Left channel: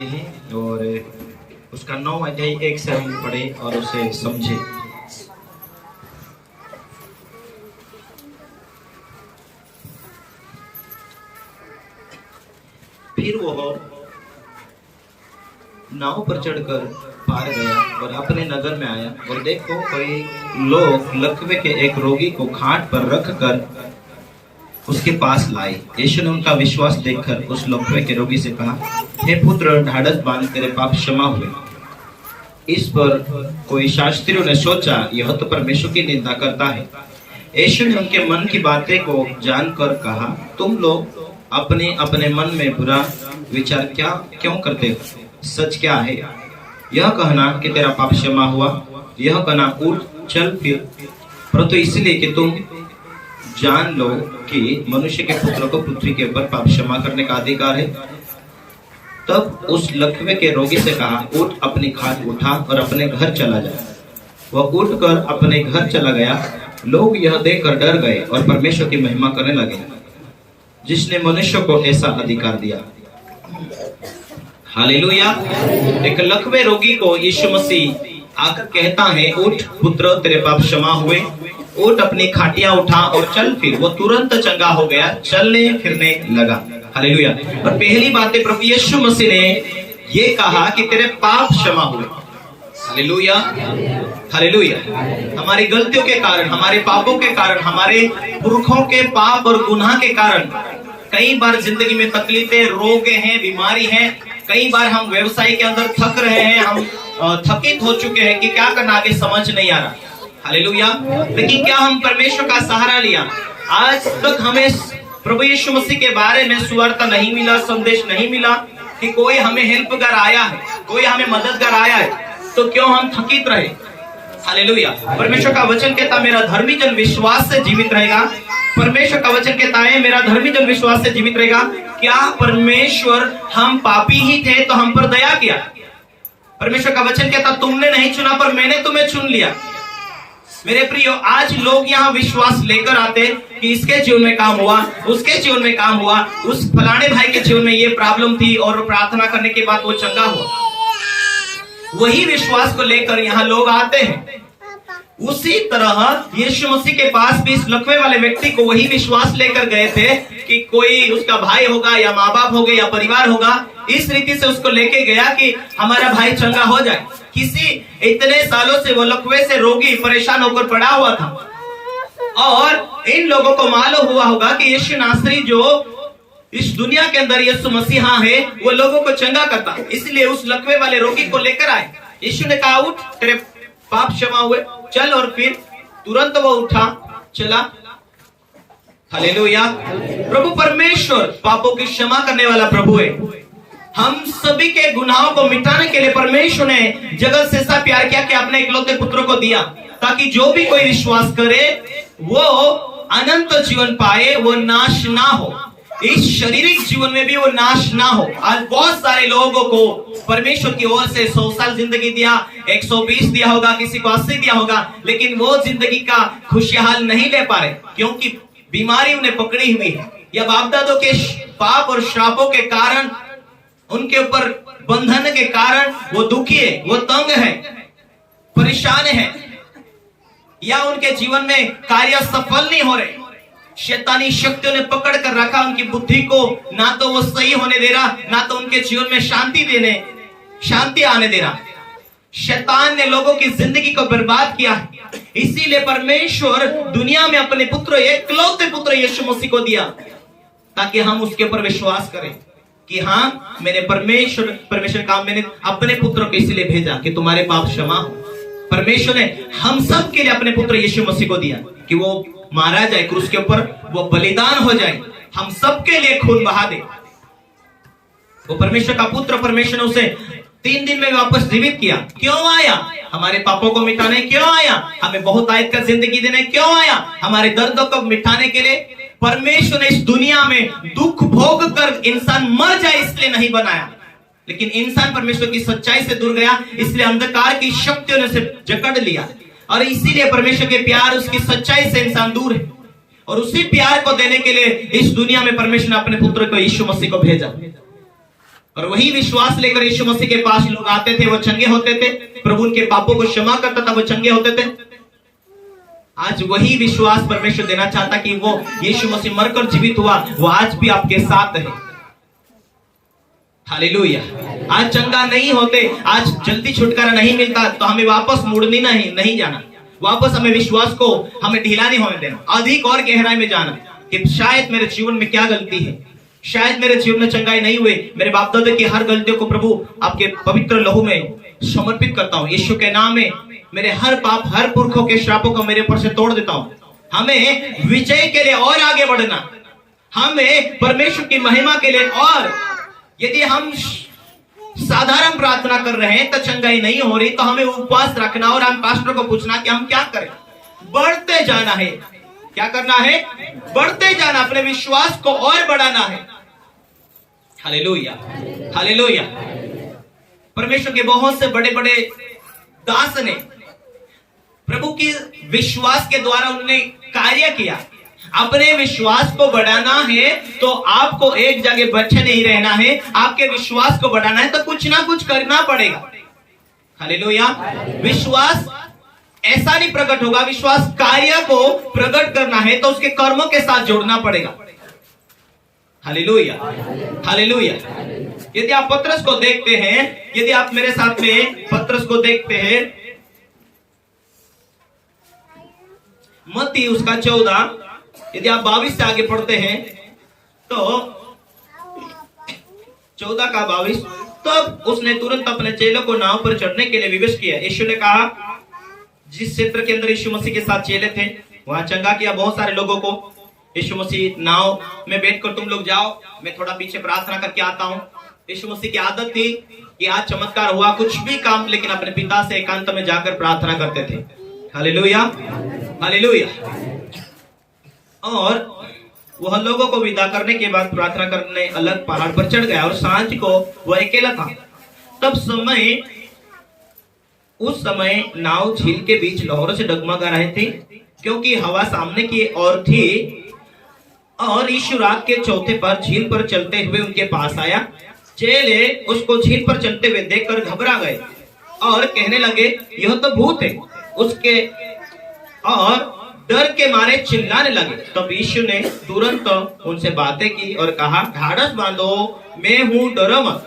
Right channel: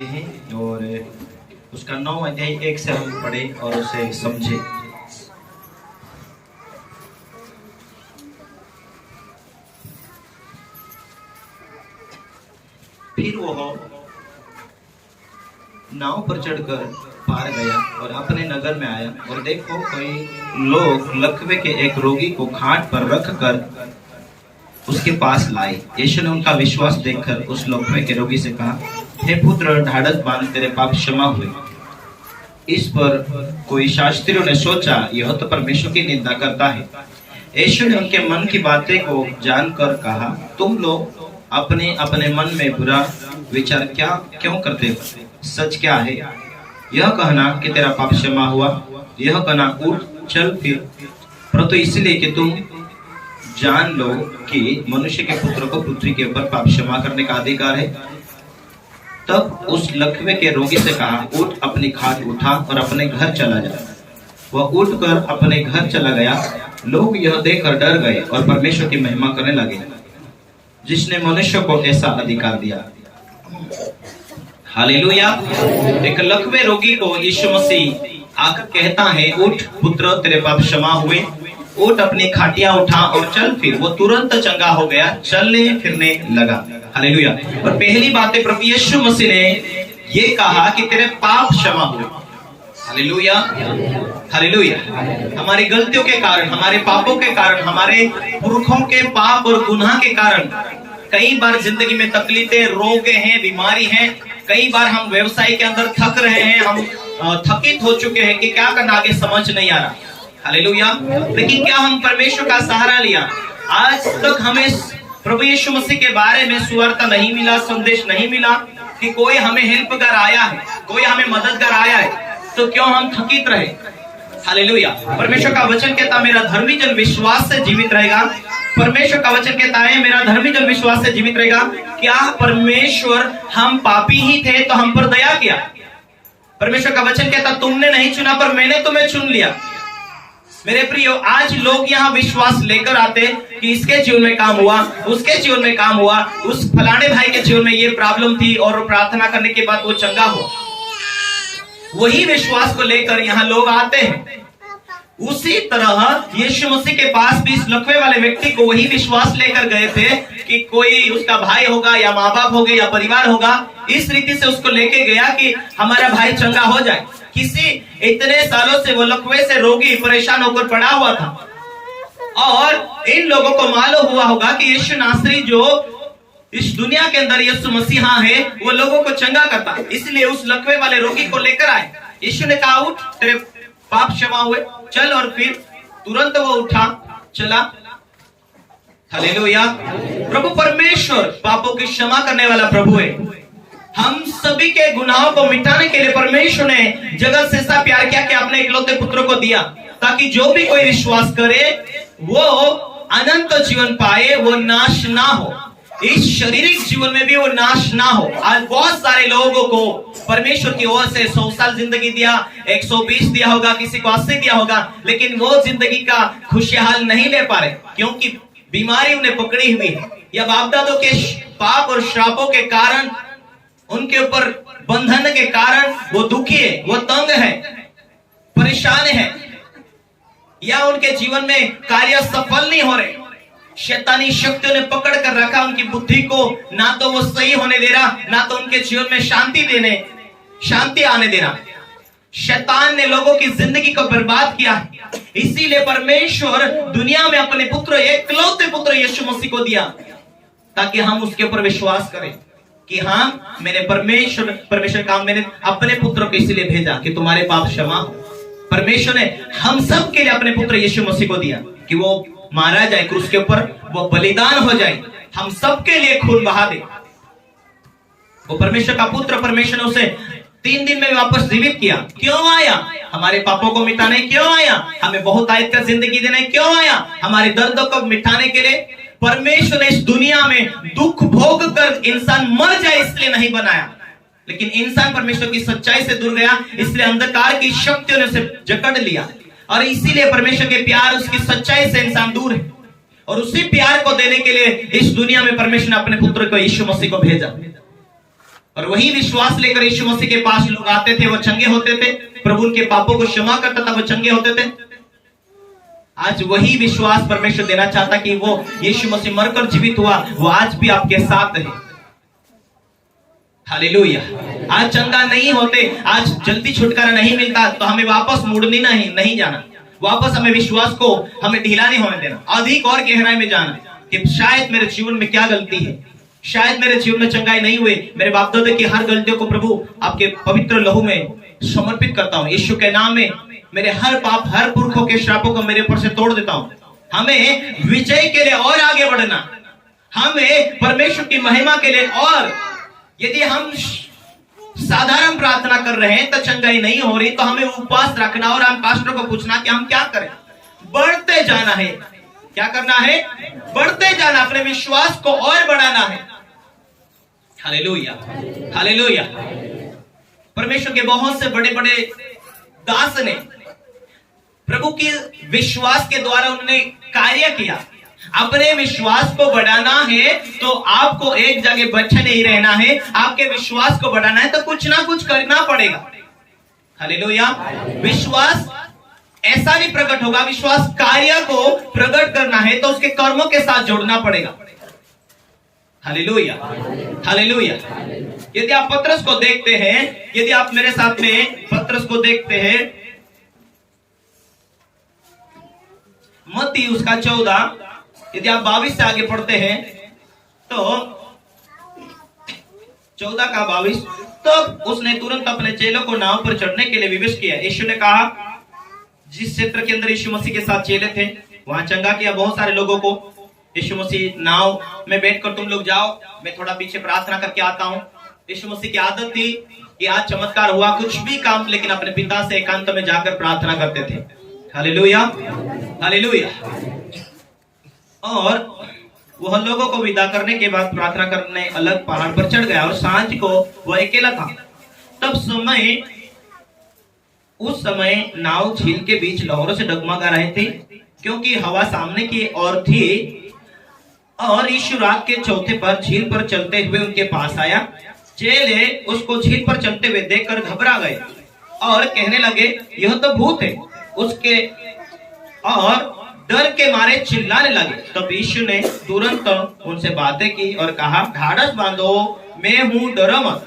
हैं और उसका 9 अध्याय 1 से हम पढ़े और उसे समझे। फिर वो नाव पर चढ़कर पार गया और अपने नगर में आया और देखो कोई लोग लकवे के एक रोगी को खाट पर रखकर उसके पास लाए। यीशु ने उनका विश्वास देखकर उस लकवे के रोगी से कहा, हे पुत्र, ढाढ़स बांध, तेरे पाप क्षमा हुए। इस पर कोई शास्त्रियों ने सोचा, यह तो परमेश्वर की निंदा करता है। यीशु ने उनके मन की बातें को जानकर कहा, तुम लोग अपने अपने मन में बुरा विचार क्यों करते हो? सच क्या है? यह कहना कि तेरा पाप क्षमा हुआ, यह कहना उठ चल फिर, परंतु इसलिए कि तुम जान लो कि मनुष्य के पुत्र को पृथ्वी के ऊपर पाप क्षमा करने का अधिकार है। तब उस लकवे के रोगी से कहा, उठ, अपनी खाट उठा और अपने घर चला जा। वह उठकर अपने घर चला गया। लोग यह देखकर डर गए और परमेश्वर की महिमा करने लगे, जिसने मनुष्य को ऐसा अधिकार दिया। हालेलुया। एक लकवे रोगी को यीशु मसीह आकर कहता है, उठ पुत्र, तेरे पाप क्षमा हुए, उठ, अपनी खाटियां उठा और चल फिर। वो तुरंत चंगा हो गया, चलने फिरने लगा। हालेलुया। और पहली बात है, प्रभु यीशु मसीह ने ये कहा कि तेरे पाप क्षमा हुए। Hallelujah, hallelujah. हमारी गलतियों के कारण, हमारे पापों के कारण, हमारे पुरखों के पाप और गुनाह के कारण कई बार जिंदगी में तकलीफें, रोग हैं, बीमारी हैं। कई बार हम व्यवसाय के अंदर थक रहे हैं, हम थकित हो चुके हैं कि क्या करना आगे समझ नहीं आ रहा। हालेलुया। लेकिन क्या हम परमेश्वर का सहारा लिया? आज तक हमें प्रभु यीशु मसीह के बारे में सुवार्ता नहीं मिला, संदेश नहीं मिला कि कोई हमें हेल्प कर आया है, कोई हमें मदद कर आया है, तो क्यों हम थकित रहे? हालेलुया। परमेश्वर का वचन कहता, मेरा धर्मी जन विश्वास से जीवित रहेगा। परमेश्वर का वचन कहता है, मेरा धर्मी जन विश्वास से जीवित रहेगा। क्या परमेश्वर, हम पापी ही थे तो हम पर दया किया। परमेश्वर का वचन कहता, तुमने नहीं चुना पर मैंने तुम्हें चुन लिया। मेरे प्रियो, आज लोग यहाँ विश्वास लेकर आते कि इसके जीवन में काम हुआ, उसके जीवन में काम हुआ, उस फलाने भाई के जीवन में ये प्रॉब्लम थी और प्रार्थना करने के बाद वो चंगा हुआ। वही विश्वास को लेकर यहाँ लोग आते हैं। उसी तरह यीशु मसीह के पास भी इस लकवे वाले व्यक्ति को वही विश्वास लेकर गए थे कि कोई उसका भाई होगा या माँ बाप होंगे या परिवार होगा। इस रीति से उसको लेके गया कि हमारा भाई चंगा हो जाए। किसी इतने सालों से वो लकवे से रोगी परेशान होकर पड़ा हुआ था और इन लोगों को मालूम हुआ होगा कि यीशु नासरी जो इस दुनिया के अंदर यीशु मसीहा है, वो लोगों को चंगा करता। इसलिए उस लकवे वाले रोगी को लेकर आए। यीशु ने कहा, उठ, तेरे पाप क्षमा हुए, चल। और फिर तुरंत वो उठा, चला। हालेलुया। प्रभु परमेश्वर पापों की क्षमा करने वाला प्रभु है। हम सभी के गुनाहों को मिटाने के लिए परमेश्वर ने जगत से ऐसा प्यार किया कि अपने इकलौते पुत्र को दिया, ताकि जो भी कोई विश्वास करे वो अनंत जीवन पाए, वो नाश ना हो। इस शारीरिक जीवन में भी वो नाश ना हो। आज बहुत सारे लोगों को परमेश्वर की ओर से 100 साल जिंदगी दिया, 120 दिया होगा, किसी को 80 दिया होगा, लेकिन वो जिंदगी का खुशहाल नहीं ले पा रहे, क्योंकि बीमारी उन्हें पकड़ी हुई है, या बाप दादों के पाप और श्रापों के कारण, उनके ऊपर बंधन के कारण वो दुखी है, वो तंग है, परेशान है, या उनके जीवन में कार्य सफल नहीं हो रहे। शैतानी शक्तियों ने पकड़ कर रखा उनकी बुद्धि को, ना तो वो सही होने दे रहा, ना तो उनके जीवन में शांति आने दे रहा। शैतान ने लोगों की जिंदगी को बर्बाद किया। इसीलिए परमेश्वर दुनिया में अपने पुत्र, एकलौते पुत्र यीशु मसीह को दिया, ताकि हम उसके ऊपर विश्वास करें कि हाँ, मैंने परमेश्वर का मैंने अपने पुत्र को इसलिए भेजा कि तुम्हारे पाप क्षमा हो। परमेश्वर ने हम सब के लिए अपने पुत्र यीशु मसीह को दिया कि वो मारा जाए क्रूस के ऊपर, वो बलिदान हो जाए, हम सबके लिए खून बहा दे। वो परमेश्वर का पुत्र, परमेश्वर ने उसे 3 दिन में वापस जीवित किया। क्यों आया? हमारे पापों को मिटाने क्यों आया? हमें बहुत आयत का जिंदगी देने क्यों आया? हमारे दर्दों को मिटाने के लिए। परमेश्वर ने इस दुनिया में दुख भोग कर इंसान मर जाए इसलिए नहीं बनाया, लेकिन इंसान परमेश्वर की सच्चाई से दूर गया, इसलिए अंधकार की शक्तियों ने उसे जकड़ लिया। और इसीलिए परमेश्वर के प्यार, उसकी सच्चाई से इंसान दूर है। और उसी प्यार को देने के लिए इस दुनिया में परमेश्वर ने अपने पुत्र को यीशु मसीह को भेजा। और वही विश्वास लेकर यीशु मसीह के पास लोग आते थे, वो चंगे होते थे। प्रभु उनके पापों को क्षमा करता था, वो चंगे होते थे। आज वही विश्वास परमेश्वर देना चाहता कि वो यीशु मसीह मरकर जीवित हुआ, वो आज भी आपके साथ है। हालेलुया। आज चंगा नहीं होते, आज जल्दी छुटकारा नहीं मिलता, तो हमें वापस मुड़नी नहीं जाना, वापस हमें विश्वास को हमें ढीला नहीं होने देना, अधिक और गहराई में जाना कि शायद मेरे जीवन में क्या गलती है, शायद मेरे जीवन में चंगाई नहीं हुई। मेरे बाप दादा की हर गलतियों को प्रभु आपके पवित्र लहू में समर्पित करता हूँ। यीशु के नाम में मेरे हर पाप, हर पुरखों के श्रापों को मेरे ऊपर से तोड़ देता हूँ। हमें विजय के लिए और आगे बढ़ना, हमें परमेश्वर की महिमा के लिए, और यदि हम साधारण प्रार्थना कर रहे हैं तो चंगाई नहीं हो रही, तो हमें उपवास रखना और हम पास्टर को पूछना कि हम क्या करें। बढ़ते जाना है। क्या करना है? बढ़ते जाना, अपने विश्वास को और बढ़ाना है। Hallelujah, hallelujah. परमेश्वर के बहुत से बड़े बड़े दास ने प्रभु के विश्वास के द्वारा उन्होंने कार्य किया। अपने विश्वास को बढ़ाना है तो आपको एक जगह बैठे नहीं रहना है, आपके विश्वास को बढ़ाना है तो कुछ ना कुछ करना पड़ेगा। हालेलुया। विश्वास ऐसा नहीं प्रकट होगा, विश्वास कार्य को प्रकट करना है तो उसके कर्मों के साथ जोड़ना पड़ेगा। Hallelujah, hallelujah. यदि आप पत्रस को देखते हैं, यदि आप मेरे साथ में पत्रस को देखते हैं, मत्ती उसका 14, यदि आप 22 से आगे पढ़ते हैं तो 14 का 22, तब उसने तुरंत अपने चेलों को नाव पर चढ़ने के लिए विवश किया। यीशु ने कहा, जिस क्षेत्र के अंदर यीशु मसीह के साथ चेले थे वहां चंगा किया बहुत सारे लोगों को। यीशु मसीह नाव में बैठकर, तुम लोग जाओ, मैं थोड़ा पीछे प्रार्थना करके आता हूं। यीशु मसीह की आदत थी कि आज चमत्कार हुआ, कुछ भी काम, लेकिन अपने पिता से एकांत में जाकर प्रार्थना करते थे। Hallelujah, hallelujah. और वह लोगों को विदा करने के बाद प्रार्थना करने अलग पहाड़ पर चढ़ गया और सांझ को वह अकेला था। तब उस समय नाव झील के बीच लहरों से डगमगा रहे थे, क्योंकि हवा सामने की ओर थी। और यीशु रात के चौथे पर झील पर चलते हुए उनके पास आया। चेले उसको झील पर चलते हुए देखकर घबरा गए और कहने लगे, यह तो भूत है। उसके और डर के मारे चिल्लाने लगे। तब यीशु ने तुरंत उनसे बातें की और कहा, ढाढ़स बांधो, मैं हूं, डरो मत।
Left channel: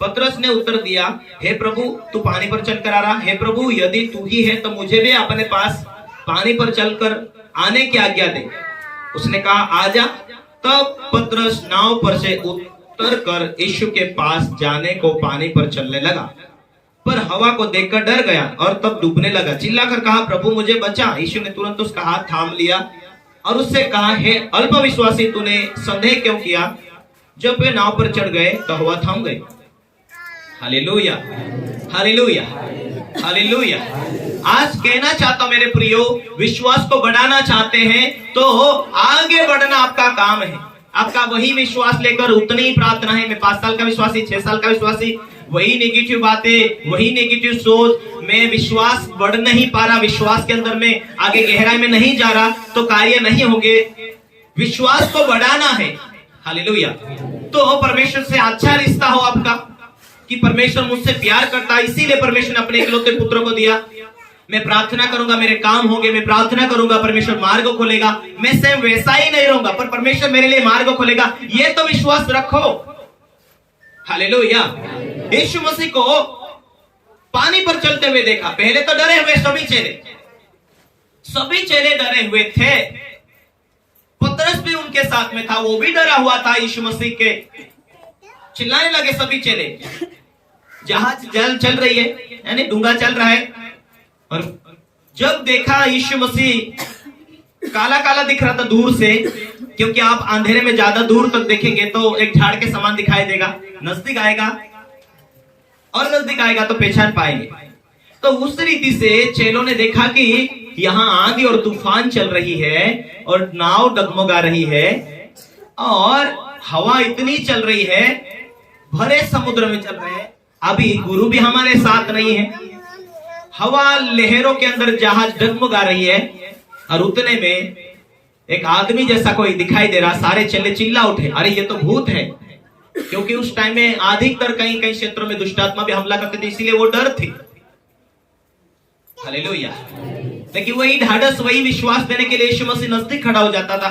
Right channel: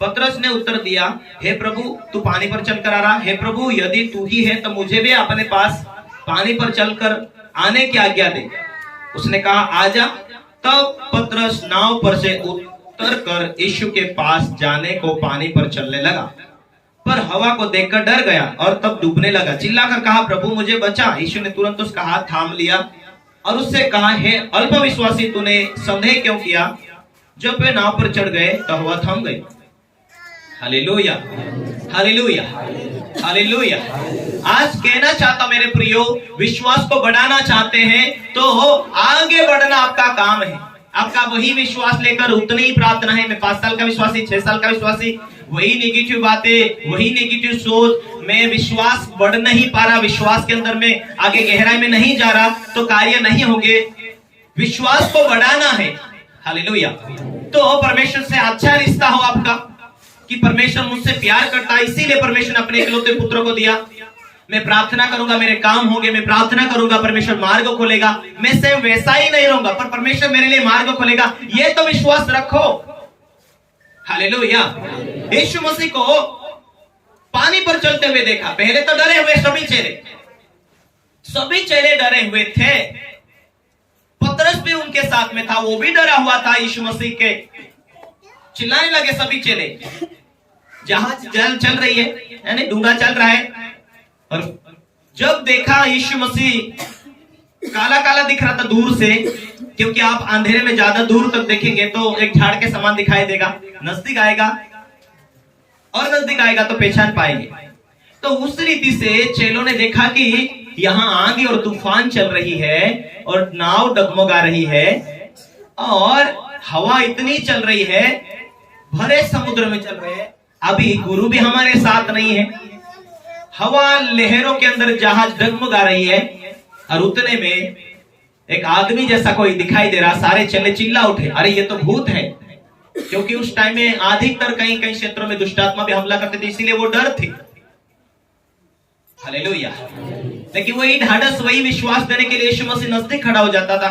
पतरस ने उत्तर दिया, हे प्रभु, तू पानी पर चलकर आ रहा? हे प्रभु, यदि तू ही है तो मुझे भी अपने पास पानी पर चलकर आने की आज्ञा दे। उसने कहा, आजा। तब पतरस नाव पर से उतर कर यीशु के पास जाने को पानी पर चलने लगा, पर हवा को देखकर डर गया और तब डूबने लगा। चिल्लाकर कहा, प्रभु मुझे बचा। यीशु ने तुरंत उसका हाथ थाम लिया और उससे कहा, हे अल्पविश्वासी, तूने संदेह क्यों किया? जब वे नाव पर चढ़ गए तो हवा थम गई। Hallelujah, hallelujah, hallelujah. आज कहना चाहता मेरे प्रियो, विश्वास को बढ़ाना चाहते हैं तो आगे बढ़ना आपका काम है। आपका वही विश्वास लेकर उतनी ही प्रार्थना है। मैं 5 साल का विश्वासी, 6 साल का विश्वासी, वही नेगेटिव बातें, वही नेगेटिव सोच, मैं विश्वास बढ़ नहीं पा रहा, विश्वास के अंदर में आगे गहराई में नहीं जा रहा, तो कार्य नहीं होंगे। विश्वास को बढ़ाना है। हालेलुया। तो परमेश्वर से अच्छा रिश्ता हो आपका, कि परमेश्वर मुझसे प्यार करता है, इसीलिए परमेश्वर ने अपने इकलौते पुत्र को दिया। मैं प्रार्थना करूंगा, मेरे काम होंगे, मैं प्रार्थना करूंगा, परमेश्वर मार्ग खोलेगा। मैं सिर्फ वैसा ही नहीं रहूंगा, पर परमेश्वर मेरे लिए मार्ग खोलेगा। ये तो विश्वास रखो। हालेलुया। यीशु मसीह को पानी पर चलते हुए देखा। पहले तो डरे हुए सभी चेले डरे हुए थे। पतरस भी उनके साथ में था, वो भी डरा हुआ था यीशु मसीह के। चिल्लाने लगे सभी चेले। जहाज चल रही है, यानी डूंगा चल रहा है, और जब देखा यीशु मसीह काला काला दिख रहा था दूर से, क्योंकि आप अंधेरे में ज्यादा दूर तक देखेंगे तो एक झाड़ के समान दिखाई देगा। नजदीक आएगा और नजदीक आएगा तो पहचान पाएंगे। तो उस रीति से चेलों ने देखा कि यहाँ आंधी और तूफान चल रही है और नाव डगमगा रही है और हवा इतनी चल रही है, भरे समुद्र में चल रहे हैं। अभी गुरु भी हमारे साथ नहीं है, हवा लहरों के अंदर जहाज डगमगा रही है, और उतने में एक आदमी जैसा कोई दिखाई दे रहा। सारे चेले चिल्ला उठे, अरे ये तो भूत है, क्योंकि उस टाइम में अधिकतर कई कई क्षेत्रों में दुष्ट आत्मा भी हमला करते थे, इसीलिए वो डर थी। हालेलुया। लेकिन वही ढाढ़स, वही विश्वास देने के लिए यीशु मसीह नजदीक खड़ा हो जाता था।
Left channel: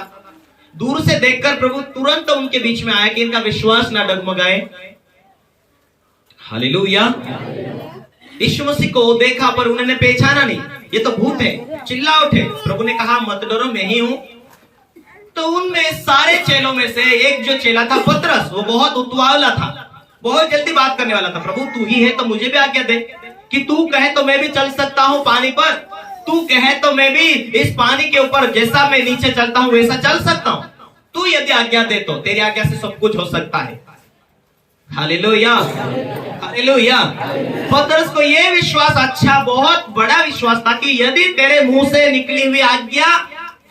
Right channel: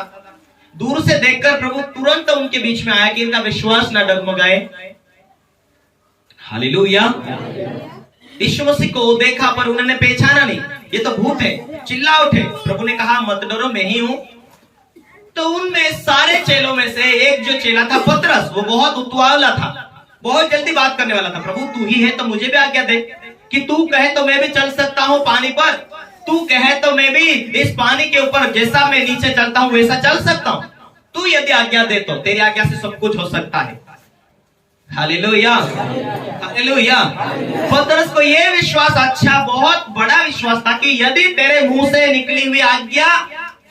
दूर से देखकर प्रभु तुरंत उनके बीच में आया कि इनका विश्वास ना डगमगाए। हालेलुया। यीशु मसीह को देखा पर उन्होंने पहचाना नहीं, ये तो भूत है, चिल्ला उठे। प्रभु ने कहा मत डरो, मैं ही हूं। तो उनमें सारे चेलों में से एक जो चेला था पतरस, वो बहुत उतावला था, बहुत जल्दी बात करने वाला था। प्रभु तू ही है तो मुझे भी आज्ञा दे कि तू कहे तो मैं भी चल सकता हूं पानी पर, तू कहे तो मैं भी इस पानी के ऊपर जैसा मैं नीचे चलता हूं वैसा चल सकता हूं। तू यदि आज्ञा दे तो तेरी आज्ञा से सब कुछ हो सकता है। Hallelujah, hallelujah. पतरस को यह विश्वास, अच्छा बहुत बड़ा विश्वास था कि यदि तेरे मुंह से निकली हुई आज्ञा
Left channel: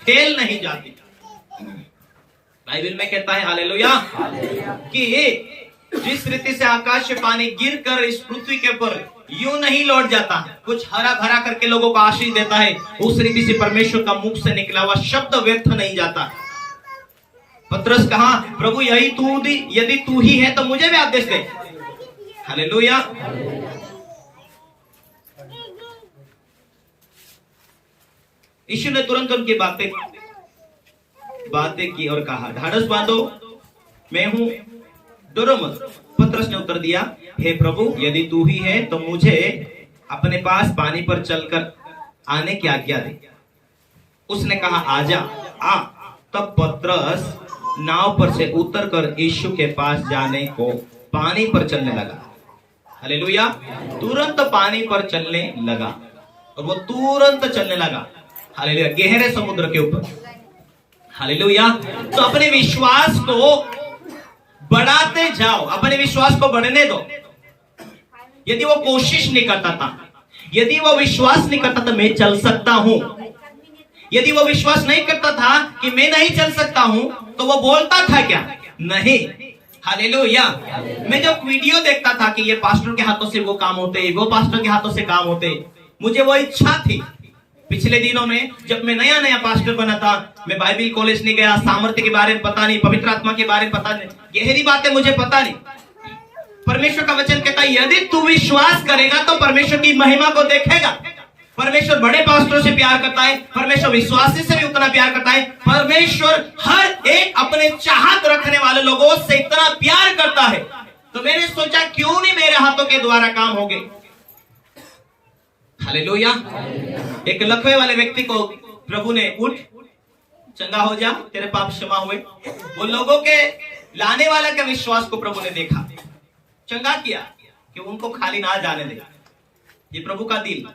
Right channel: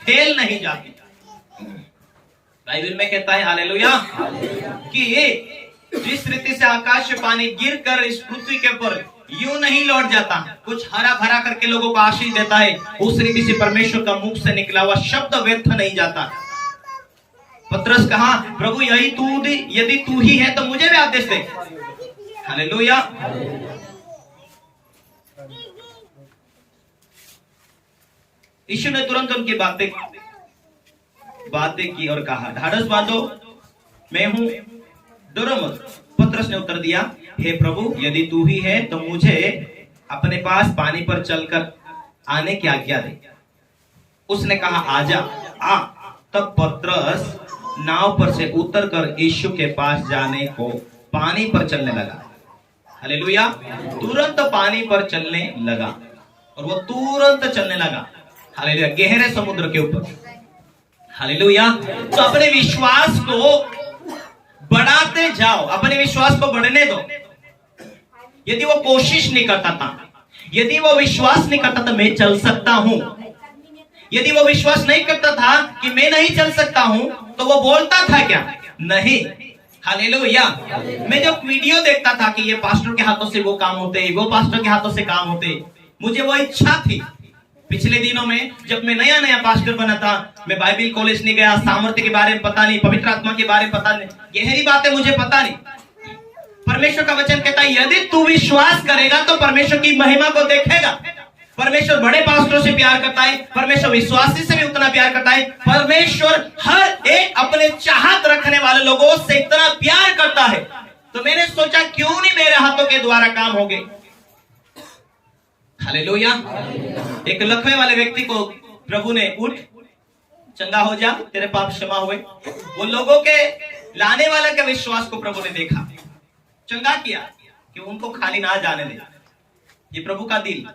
फेल नहीं जाती। बाइबल में कहता है हालेलुया कि जिस रीति से आकाश से पानी गिरकर इस पृथ्वी के ऊपर यूं नहीं लौट जाता, कुछ हरा भरा करके लोगों को आशीष देता है, उस रीति से परमेश्वर का मुख से निकला हुआ शब्द व्यर्थ नहीं जाता। पतरस कहा प्रभु यही तू यदि तू ही है तो मुझे भी आदेश दे। हालेलुया। यीशु ने तुरंत उनकी बातें की और कहा ढाढ़स बांधो, मैं हूं, डरो मत। पतरस ने उत्तर दिया हे प्रभु यदि तू ही है तो मुझे अपने पास पानी पर चलकर आने की आज्ञा दे। उसने कहा आजा आ। तब पतरस नाव पर से उतरकर यीशु के पास जाने को पानी पर चलने लगा। हालेलुया। तुरंत पानी पर चलने लगा और वो तुरंत चलने लगा। हालेलुया। गहरे समुद्र के ऊपर। हालेलुया। तो अपने विश्वास को बढ़ाते जाओ, अपने विश्वास को बढ़ने दो। यदि वो कोशिश नहीं करता था, यदि वो विश्वास नहीं करता था मैं चल सकता हूं, यदि वो विश्वास नहीं करता था कि मैं नहीं चल सकता हूं, तो वो बोलता था क्या? नहीं। हालेलुया। मैं जब वीडियो देखता था कि ये पास्टर के हाथों से वो काम होते, वो पास्टर के हाथों से काम होते, मुझे वो इच्छा थी। पिछले दिनों में जब मैं नया नया पास्टर बना था, मैं बाइबल कॉलेज नहीं गया, सामर्थ्य के बारे में पता नहीं, पवित्र आत्मा के बारे में पता नहीं, गहरी बातें मुझे पता नहीं। परमेश्वर का वचन कहता है यदि तू विश्वास करेगा तो परमेश्वर की महिमा को देखेगा। परमेश्वर बड़े पास्टरों से प्यार करता है, परमेश्वर विश्वासी से भी उतना प्यार करता है, परमेश्वर हर एक अपने चाहत रखने वाले लोगों से इतना प्यार करता है। तो मैंने सोचा क्यों नहीं मेरे हाथों के द्वारा काम होंगे। हालेलुया। एक लकवे वाले व्यक्ति को प्रभु ने उठ चंगा हो जा, तेरे पाप क्षमा हुए। वो लोगों के लाने वाले के विश्वास को प्रभु ने देखा, चंगा किया कि उनको खाली ना जाने दे। ये प्रभु का दिल।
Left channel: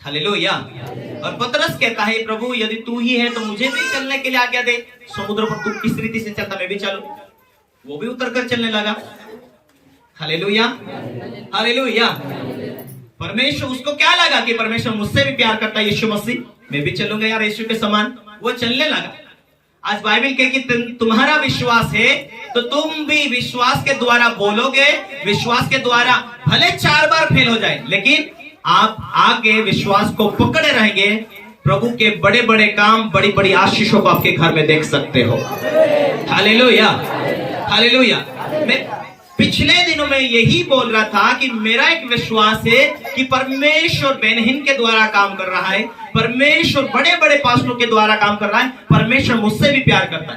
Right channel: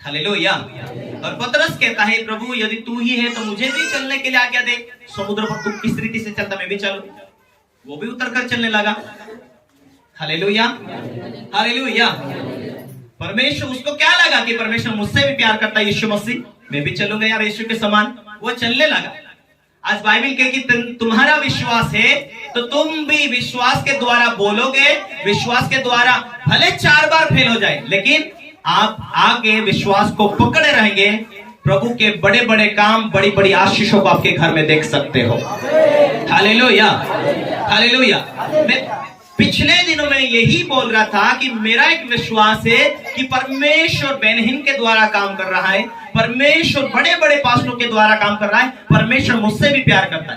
हालेलुया। और पतरस कहता है प्रभु यदि तू ही है तो मुझे भी चलने के लिए आज्ञा दे। समुद्र पर तू किस रीति से चलता मैं भी चलूं। वो भी उतरकर चलने लगा। Hallelujah, hallelujah. परमेश्वर, उसको क्या लगा कि परमेश्वर मुझसे भी प्यार करता है, यीशु मसीह, मैं भी चलूंगा यार यीशु के समान। वो चलने लगा। आज बाइबल कहे कि तुम्हारा विश्वास है तो तुम भी विश्वास के द्वारा बोलोगे, विश्वास के द्वारा भले 4 बार फेल हो जाए, लेकिन आप आगे विश्वास को पकड़े रहेंगे। प्रभु के बड़े बड़े काम, बड़ी बड़ी आशीषों को आपके घर में देख सकते हो। Hallelujah, hallelujah. मैं पिछले दिनों में यही बोल रहा था कि मेरा एक विश्वास है कि परमेश्वर बेनहीन के द्वारा काम कर रहा है, परमेश्वर बड़े बड़े पास्टरों के द्वारा काम कर रहा है, परमेश्वर मुझसे भी प्यार करता है।